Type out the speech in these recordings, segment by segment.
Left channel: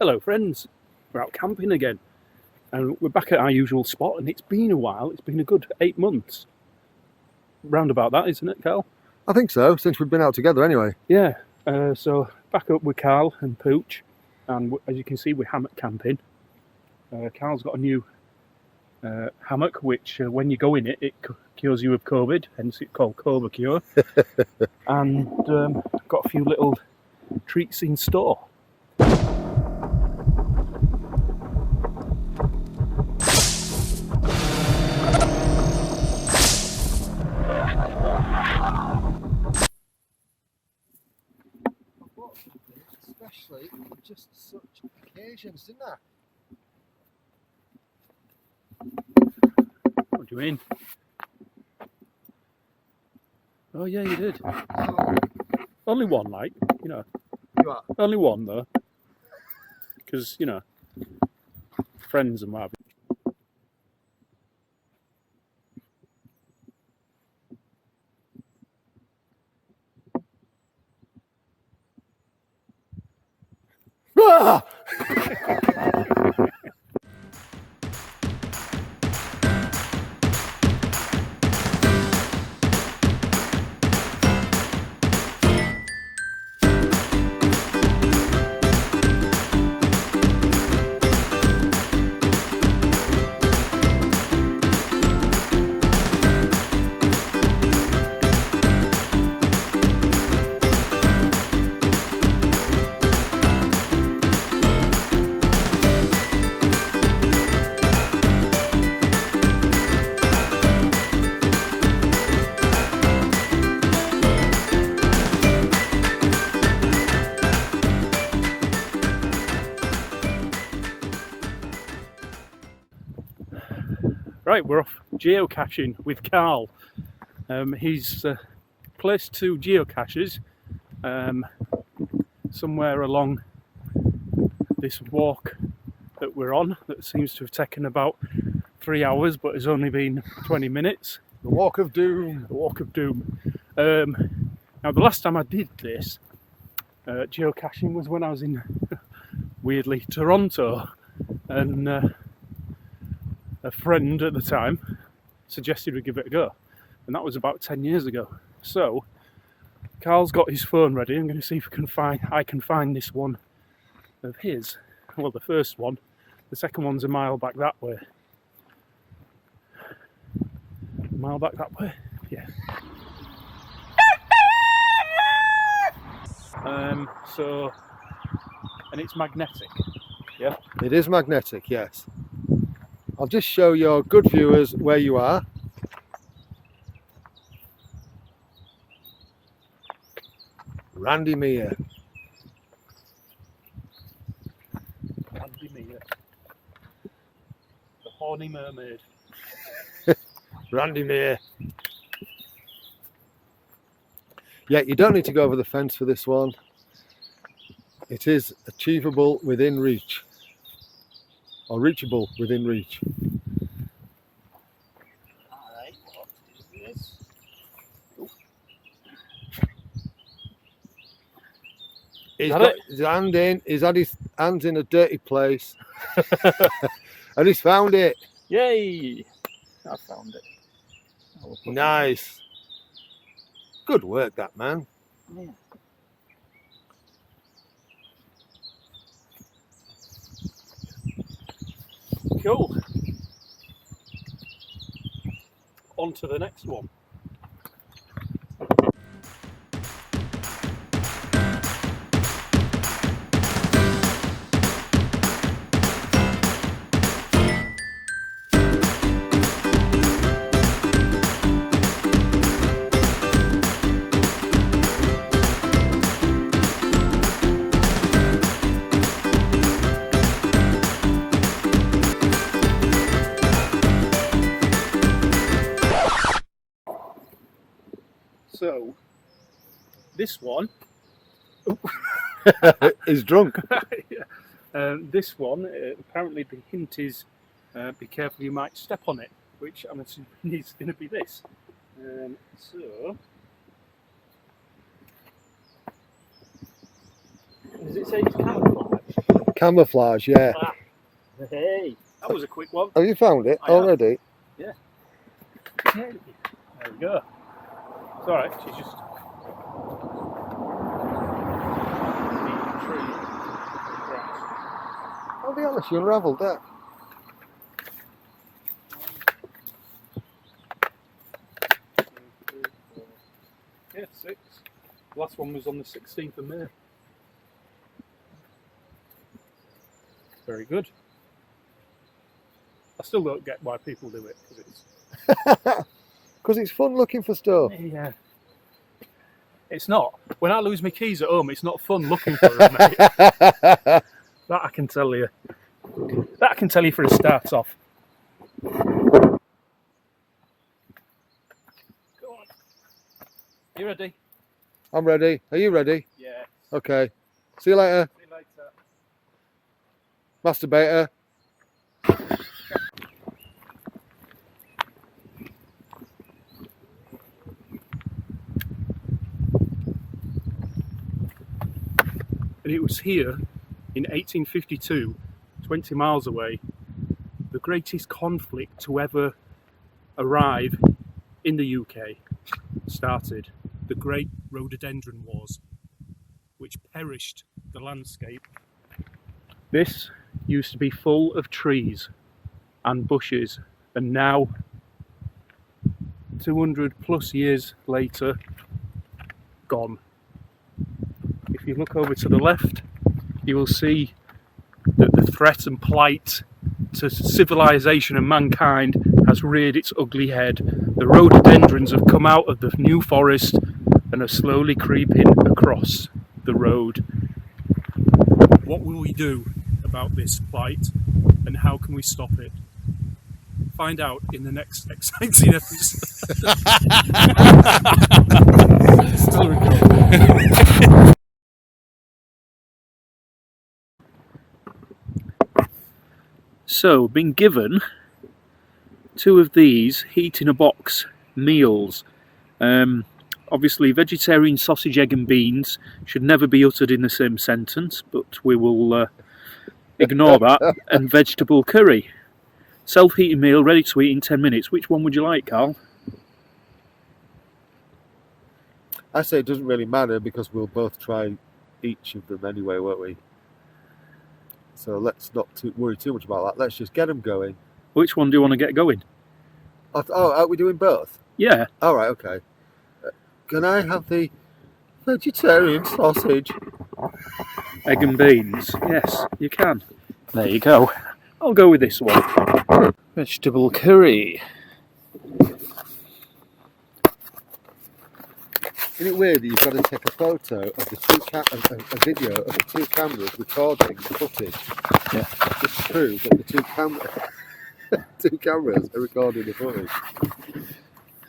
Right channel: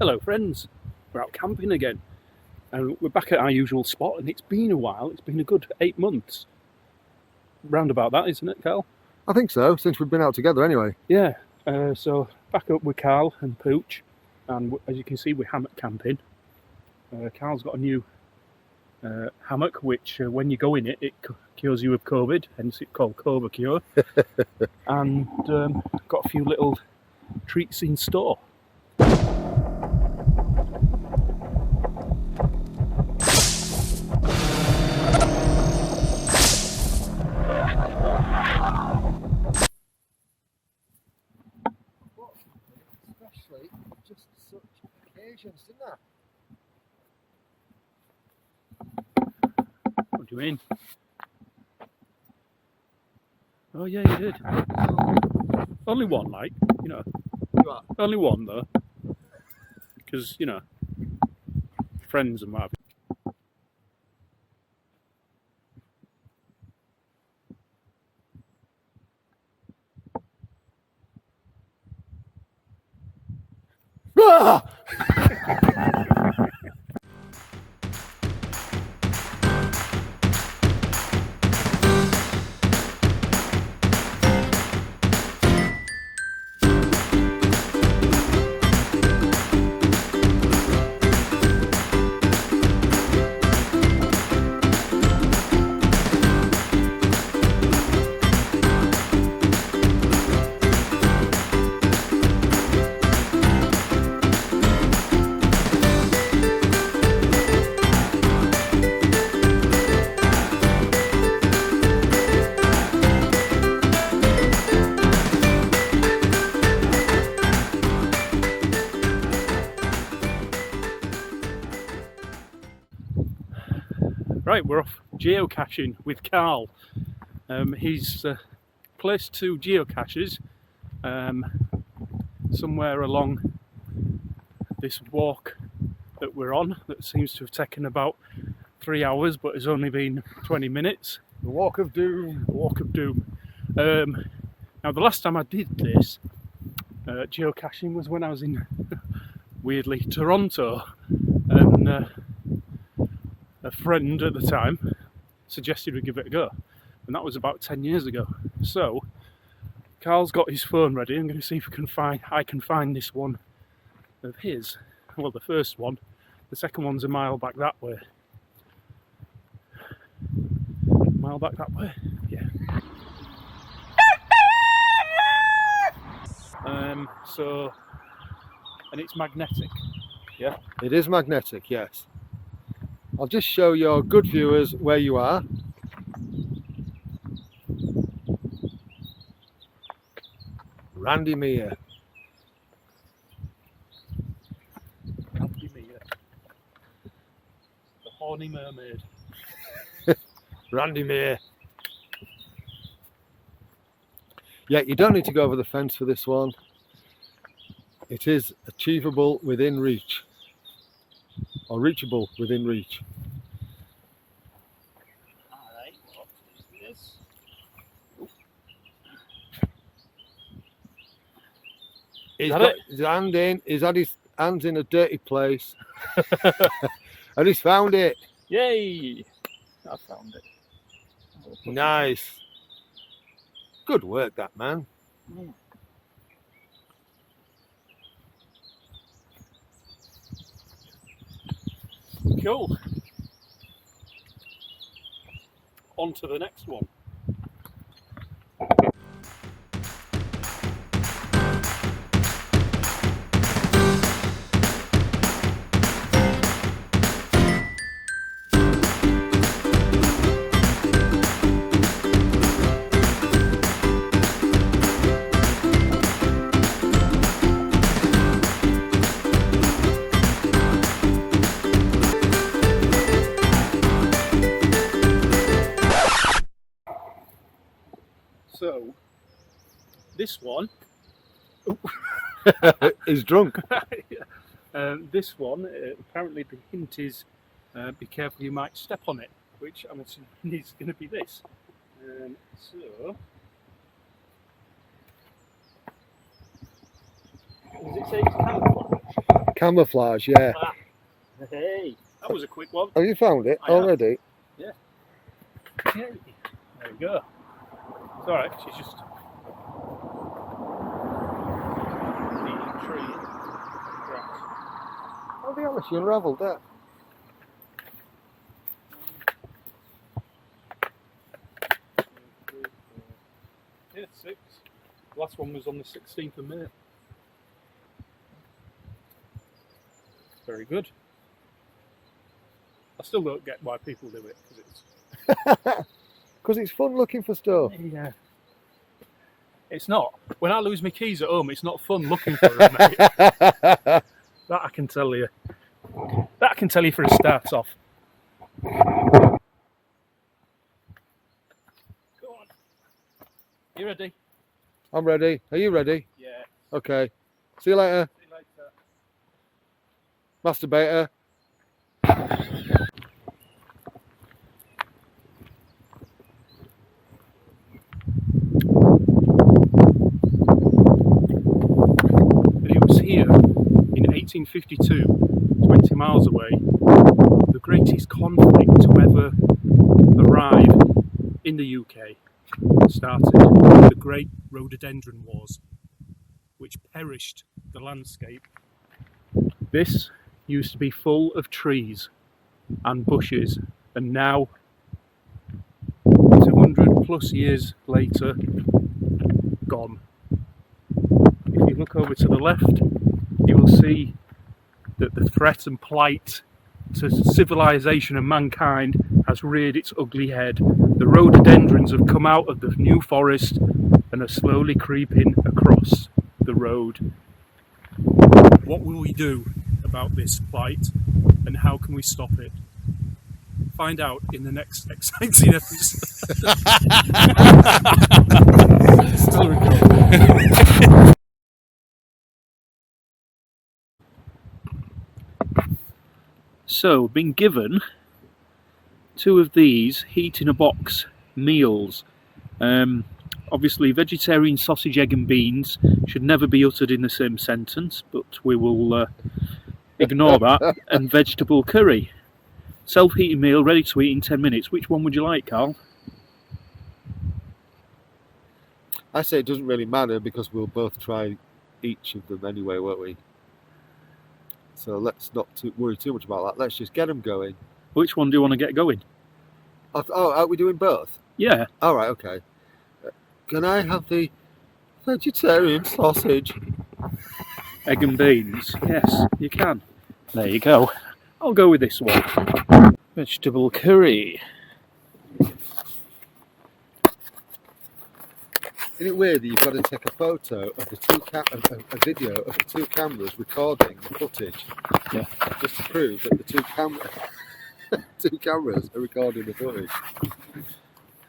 Hello friends, we're out camping again and we're back at our usual spot, and it's been a while. It's been a good 8 months. Round about that, isn't it, Carl? I think so, since we've been out together anyway. Yeah, so back up with Carl and Pooch, and as you can see we're hammock camping. Carl's got a new hammock which when you go in it, it cures you of COVID, hence it's called COVID Cure. And got a few little treats in store. Especially for just such occasions, didn't I? What do you mean? Oh yeah, you did. Only one, like, you know. You are? Only one though. Because, you know, friends and what have you. Ah! Right, we're off geocaching with Carl. He's placed 2 geocaches somewhere along this walk that we're on, that seems to have taken about 3 hours but has only been 20 minutes. The Walk of Doom. The Walk of Doom. Now the last time I did this geocaching was when I was in, weirdly, Toronto, and a friend at the time suggested we give it a go, and that was about 10 years ago. So Carl's got his phone ready. I'm going to see if I can find this one of his. Well, the first one. The second one's a mile back that way. A mile back that way? Yeah. And it's magnetic. Yeah? It is magnetic, yes. I'll just show your good viewers where you are. Randy Mere. Randy Mere. The horny mermaid. Randy Mere. Yeah, you don't need to go over the fence for this one. It is achievable within reach. Or reachable within reach. Alright, what is this? Oh. He's got his hand in, he's had his hands in a dirty place. And he's found it. Yay! I found it. Nice. Good work, that man. Yeah. Cool. On to the next one. So, this one He's drunk. this one, apparently the hint is be careful, you might step on it, which I'm assuming is going to be this. So, does it say it's camouflage? Camouflage, yeah. Ah, hey, that was a quick one. Have you found it I have. already? Yeah. There we go. It's alright, she's just eating tree grass. Oh, the honest, you unravelled that. Yeah, 6. The last one was on the 16th of May. Very good. I still don't get why people do it, because it's... Because it's fun looking for stuff. Yeah. It's not. When I lose my keys at home, it's not fun looking for them, mate. That I can tell you. That I can tell you for a start off. Go on. You ready? I'm ready. Are you ready? Yeah. Okay. See you later, See you later. masturbator. And it was here in 1852, 20 miles away, the greatest conflict to ever arrive in the UK started. The Great Rhododendron Wars, which perished the landscape. This used to be full of trees and bushes, and now, 200 plus years later, gone. If you look over to the left, you will see that the threat and plight to civilization and mankind has reared its ugly head. The rhododendrons have come out of the new forest and are slowly creeping across the road. What will we do about this plight, and how can we stop it? Find out in the next exciting episode. Still recording. So, been given 2 of these heat in a box meals. Obviously, vegetarian sausage, egg and beans should never be uttered in the same sentence, but we will ignore that. And vegetable curry. Self-heating meal, ready to eat in 10 minutes. Which one would you like, Carl? I say it doesn't really matter because we'll both try each of them anyway, won't we? So let's not worry too much about that. Let's just get them going. Which one do you want to get going? Oh, are we doing both? Yeah. All right, okay. Can I have the vegetarian sausage? Egg and beans. Yes, you can. There you go. I'll go with this one. Vegetable curry. Isn't it weird that you've got to take a photo of the a video of the 2 cameras recording the footage? Yeah. Just to prove that the 2 cameras are recording the footage.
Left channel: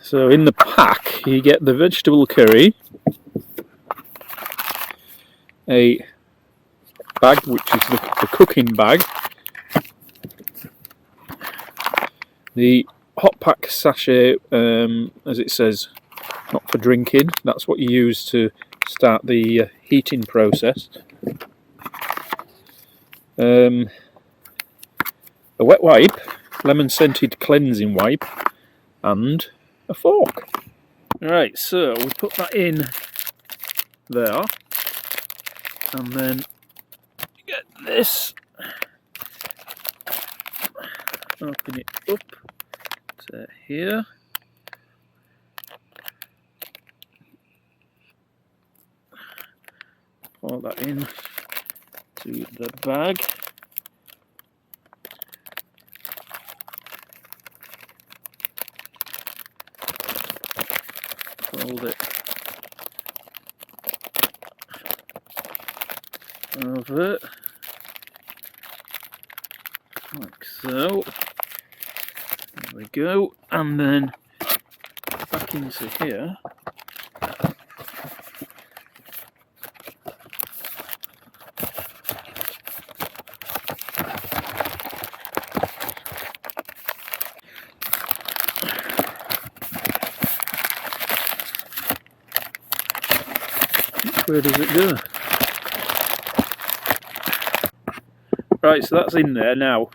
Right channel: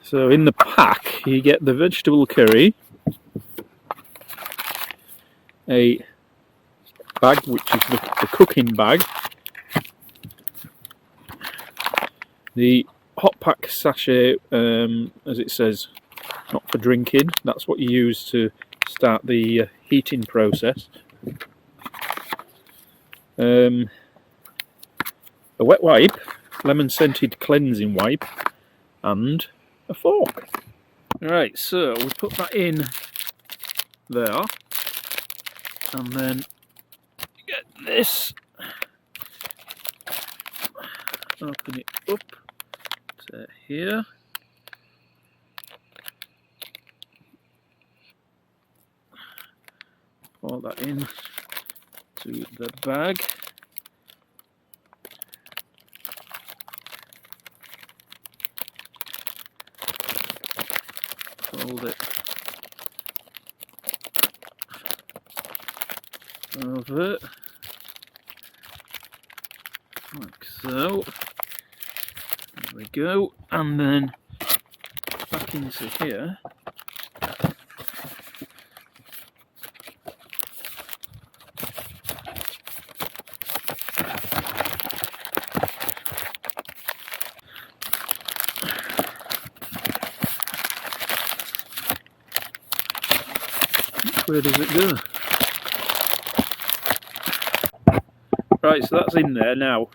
So in the pack, you get the vegetable curry, a bag which is the cooking bag, the hot pack sachet, as it says, not for drinking, that's what you use to start the heating process, a wet wipe, lemon scented cleansing wipe, and a fork. Right, so we put that in there, and then get this, open it up to here, pour that in to the bag. Fold it over like so. There we go, and then back into here. Where does it go? Right, so that's in there now.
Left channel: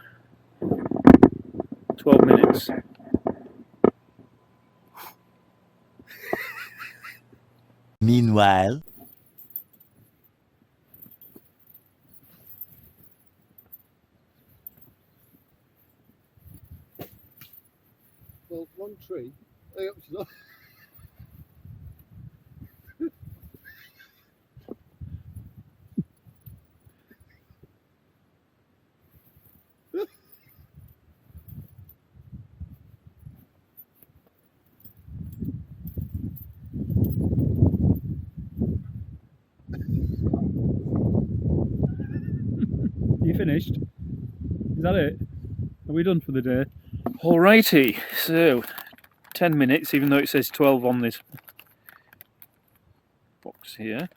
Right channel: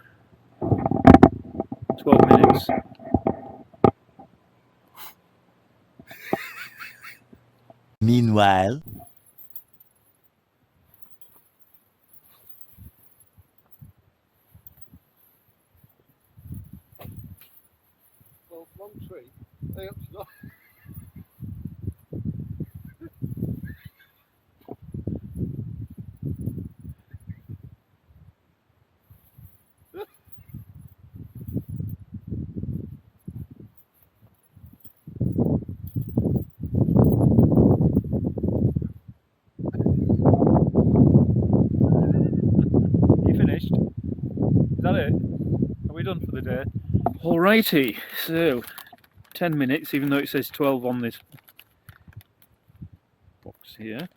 12 minutes. Meanwhile. Well, one tree. Hey, up, she's not. You finished? Is that it? Are we done for the day? Alrighty, so 10 minutes, even though it says 12 on this box here.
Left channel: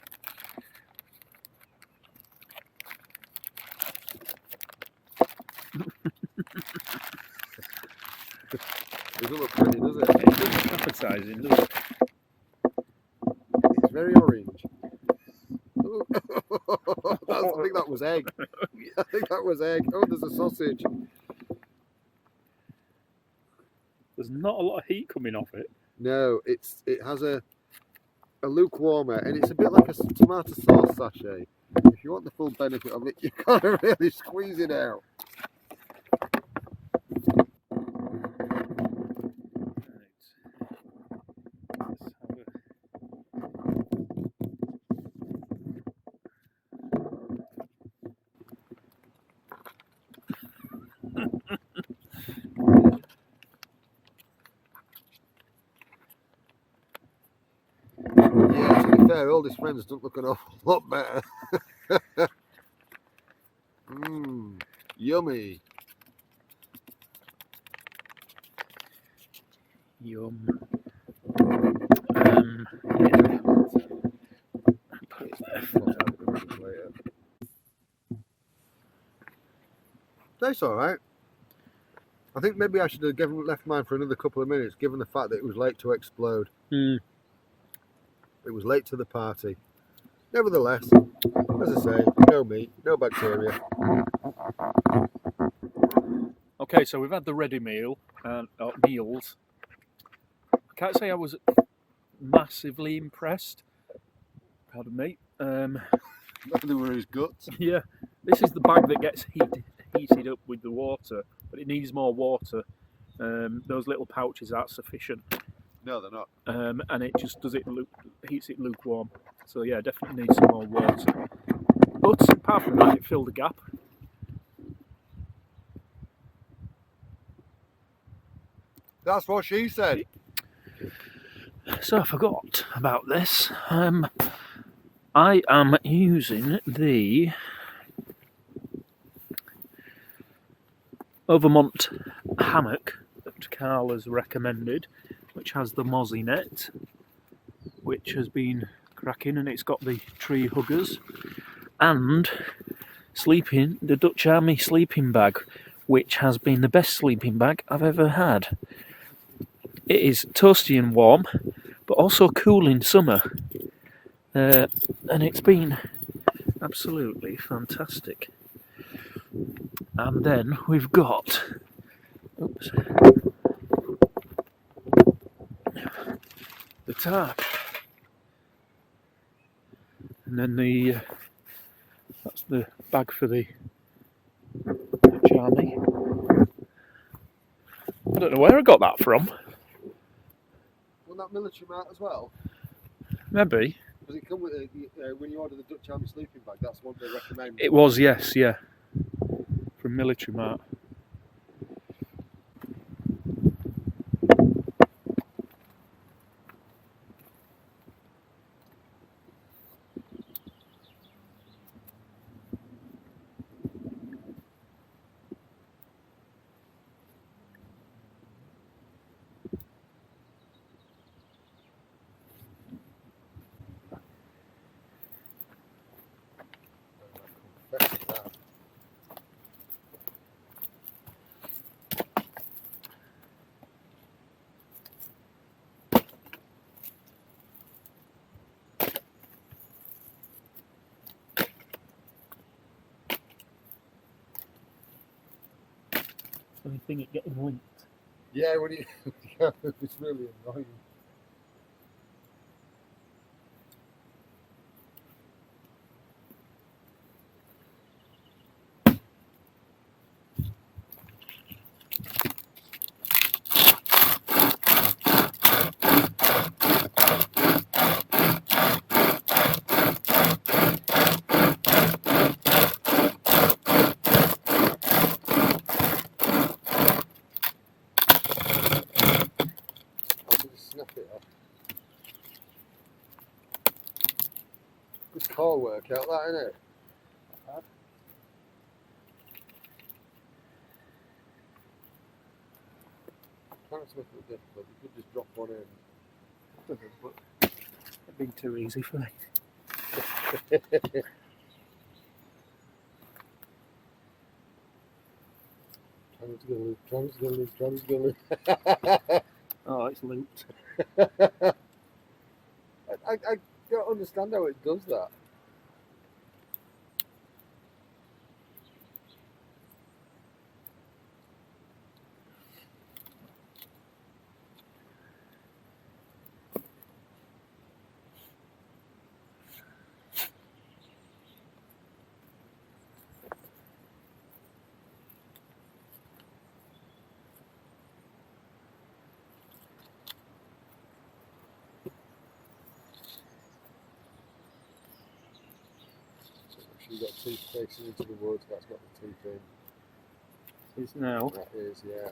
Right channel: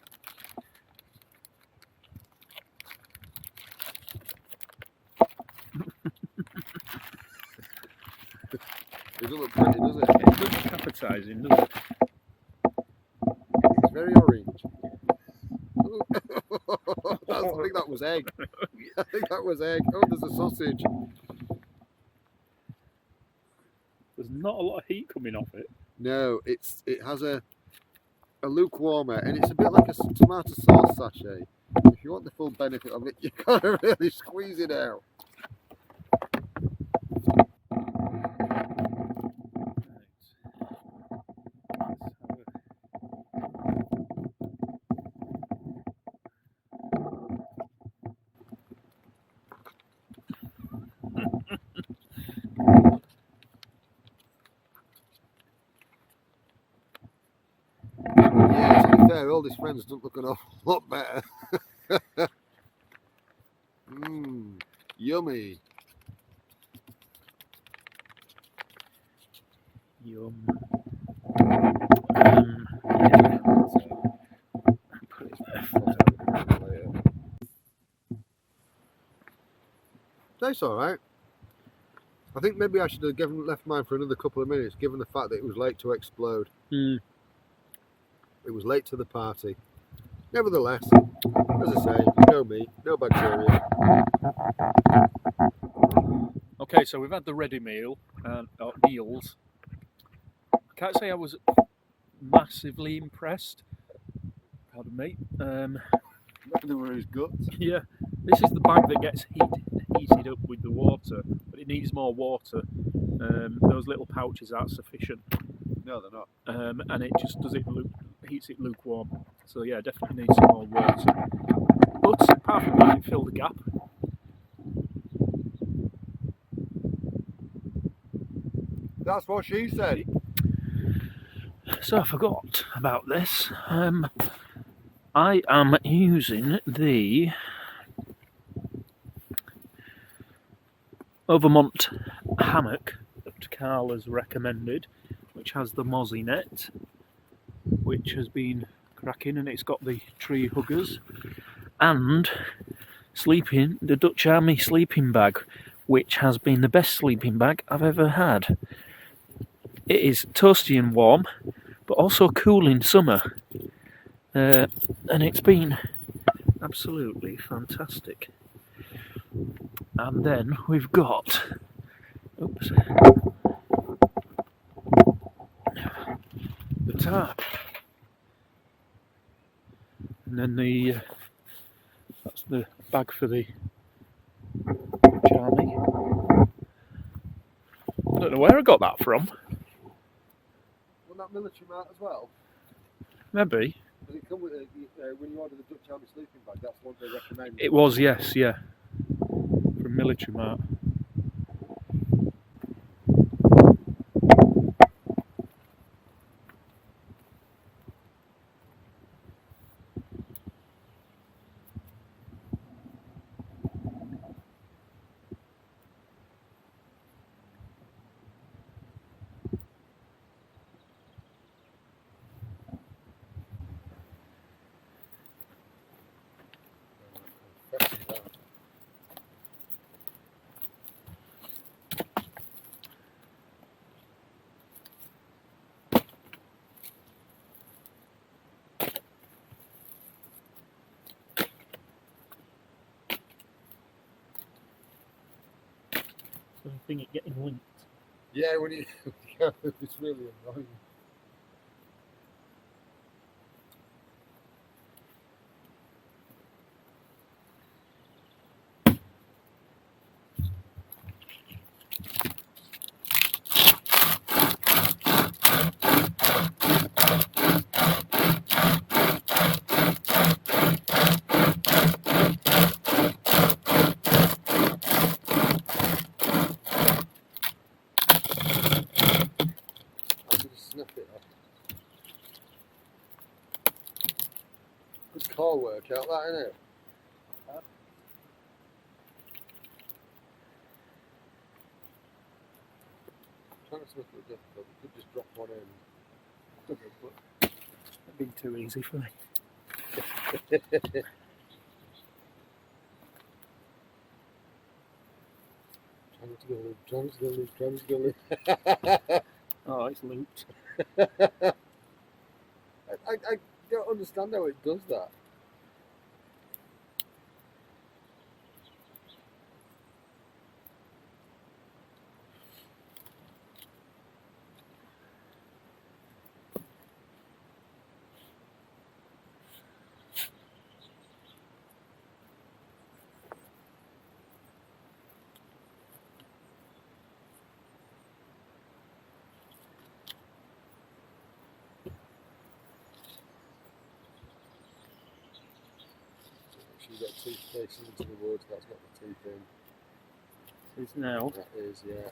It doesn't look pretty, does it? It doesn't look appetising, does it? It's very orange. I think that was egg. I think that was egg. Oh, there's a sausage. There's not a lot of heat coming off it. No, it has a lukewarmer, and it's a bit like a tomato sauce sachet. If you want the full benefit of it, you've got to really squeeze it out. Yeah, to be fair, all his friends don't look an awful lot better. Mmm, yummy. Yum. Put it there. That's all right. I think maybe I should have left mine for another couple of minutes, given the fact that it was late to explode. Mm. It was late to the party. Nevertheless, as I say, no meat, no bacteria. Okay, so we've had the ready meal and meals. I can't say I was massively impressed. Pardon me. Neither were his guts. Yeah, this is the bag that gets heated up with the water, but it needs more water. Those little pouches aren't sufficient. No, they're not. And it just does it heats it lukewarm. So yeah, definitely needs some more water. But apart from that, it filled the gap. That's what she said. So I forgot about this. I am using the Overmont hammock that Carl has recommended, which has the mozzie net, which has been cracking, and it's got the tree huggers, and the Dutch Army sleeping bag, which has been the best sleeping bag I've ever had. It is toasty and warm, but also cool in summer, and it's been absolutely fantastic. And then we've got, oops, the tarp, and then that's the bag for the Dutch Army. I don't know where I got that from. Wasn't that military mart as well? Maybe. Does it come with when you order the Dutch Army sleeping bag? That's what they recommend. It was, yes, yeah. From Military Mart. funny thing, it getting linked. Yeah, when you yeah, it's really annoying. Just snap it off. Good core work out that, isn't it? Not bad. Trying to make it difficult, you could just drop one in. But it'd be too easy for me. Trying to go loop, trying to go loop, trying to go loop. Oh, it's looped. I don't understand how it does that. You've got teeth facing into the wood, that's got the teeth in. It's now. That is, yeah.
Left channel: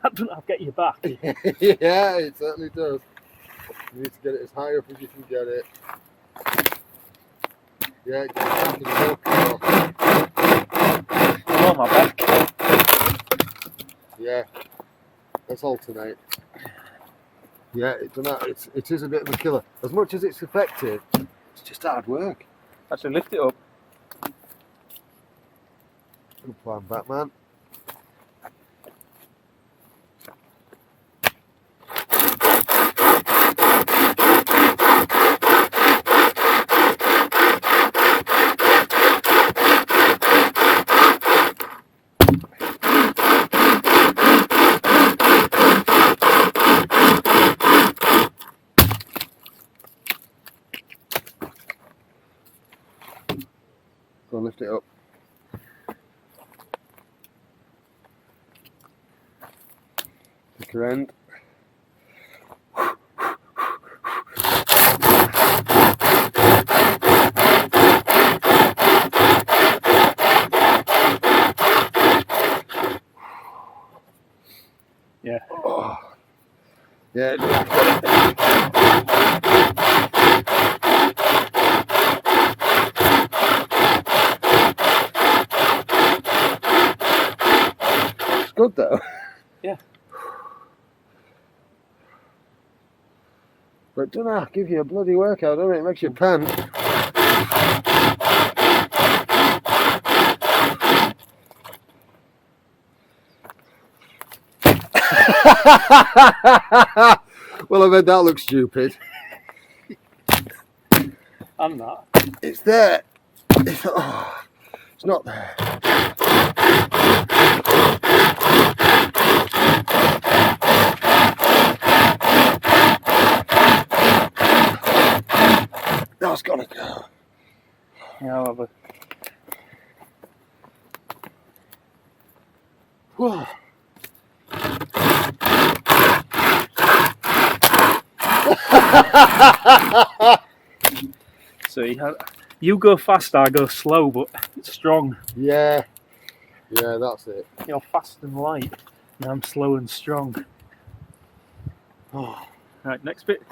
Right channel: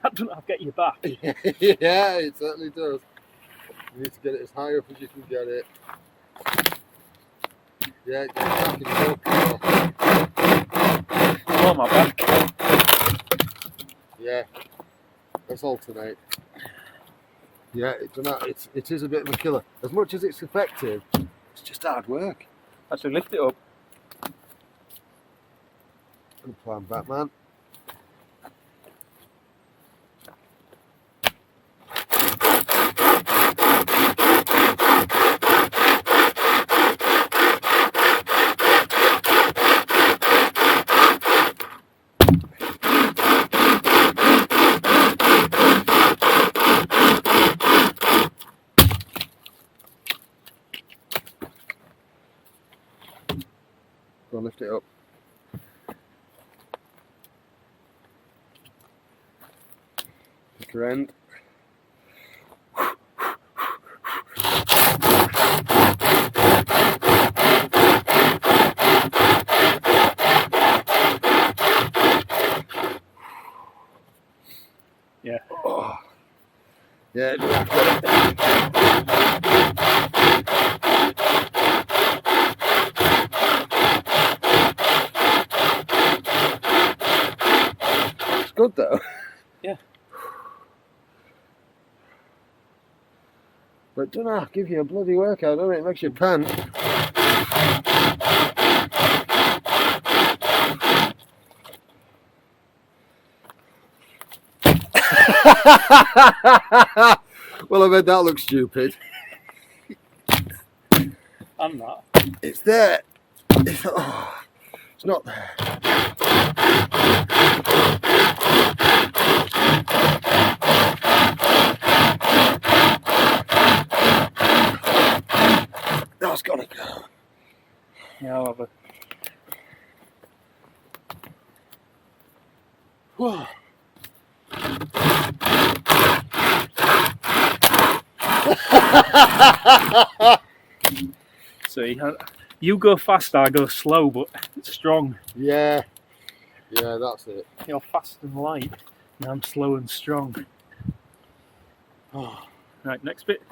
That doesn't have to get you back. Yeah, it certainly does. You need to get it as high up as you can get it. Yeah, get it back in the Oh, my back. Yeah, let's alternate. Yeah, it is a bit of a killer. As much as it's effective, it's just hard work. Actually, lift it up. Good plan, Batman. Go on, lift it up. Pick your end. Yeah. Oh. Yeah. It's good though. Yeah. But don't know, give you a bloody workout, doesn't it? It makes you pant. Well, I bet that looks stupid. I'm not. It's there. It's not there. That's gotta go. Yeah, I'll have a... Whoa. See, you go fast, I go slow, but it's strong. Yeah, that's it. You're fast and light, and I'm slow and strong. Oh. Right, next bit.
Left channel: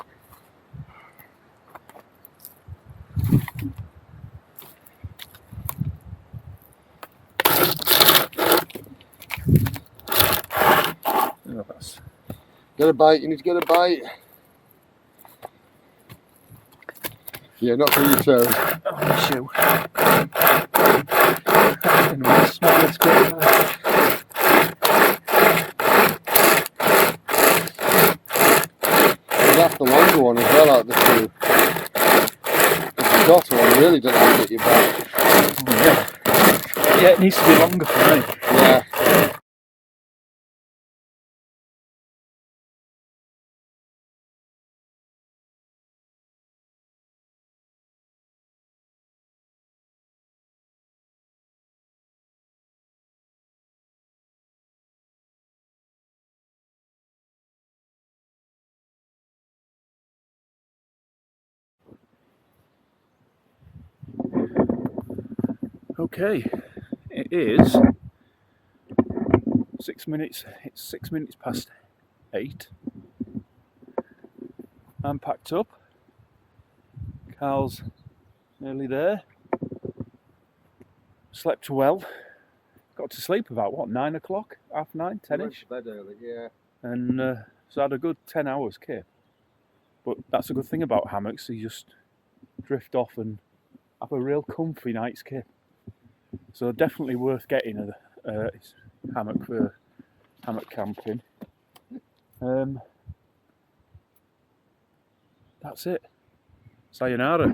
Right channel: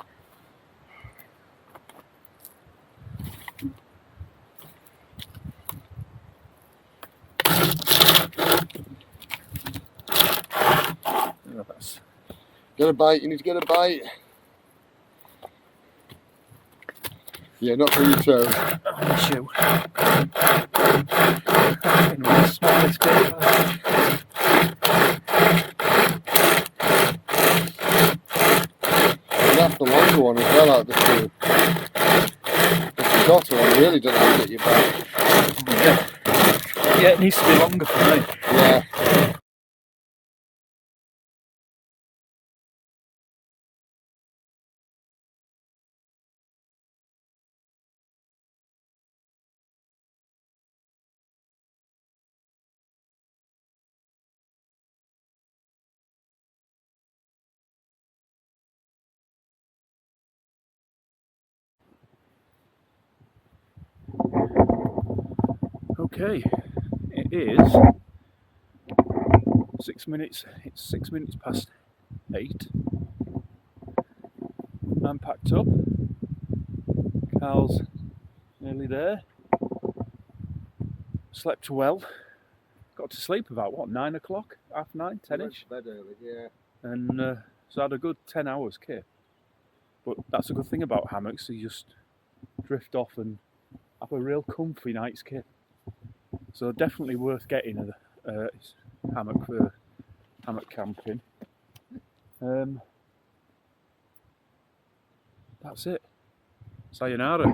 Oh, that's... Get a bite, you need to get a bite. Yeah, not for you too. On the shoe. It's not lifted. That's the longer one as well out of the two. The shorter one really doesn't have to hit your back. Yeah. Yeah, it needs to be longer for me. Yeah. Okay, it is 6 minutes. It's 6 minutes past 8. I'm packed up. Carl's nearly there. Slept well. Got to sleep about what, 9 o'clock, half 9, 10ish. Bed early, yeah. And so I had a good 10 hours kip. But that's a good thing about hammocks, you just drift off and have a real comfy night's kip. So definitely worth getting a hammock for hammock camping. That's it. Sayonara.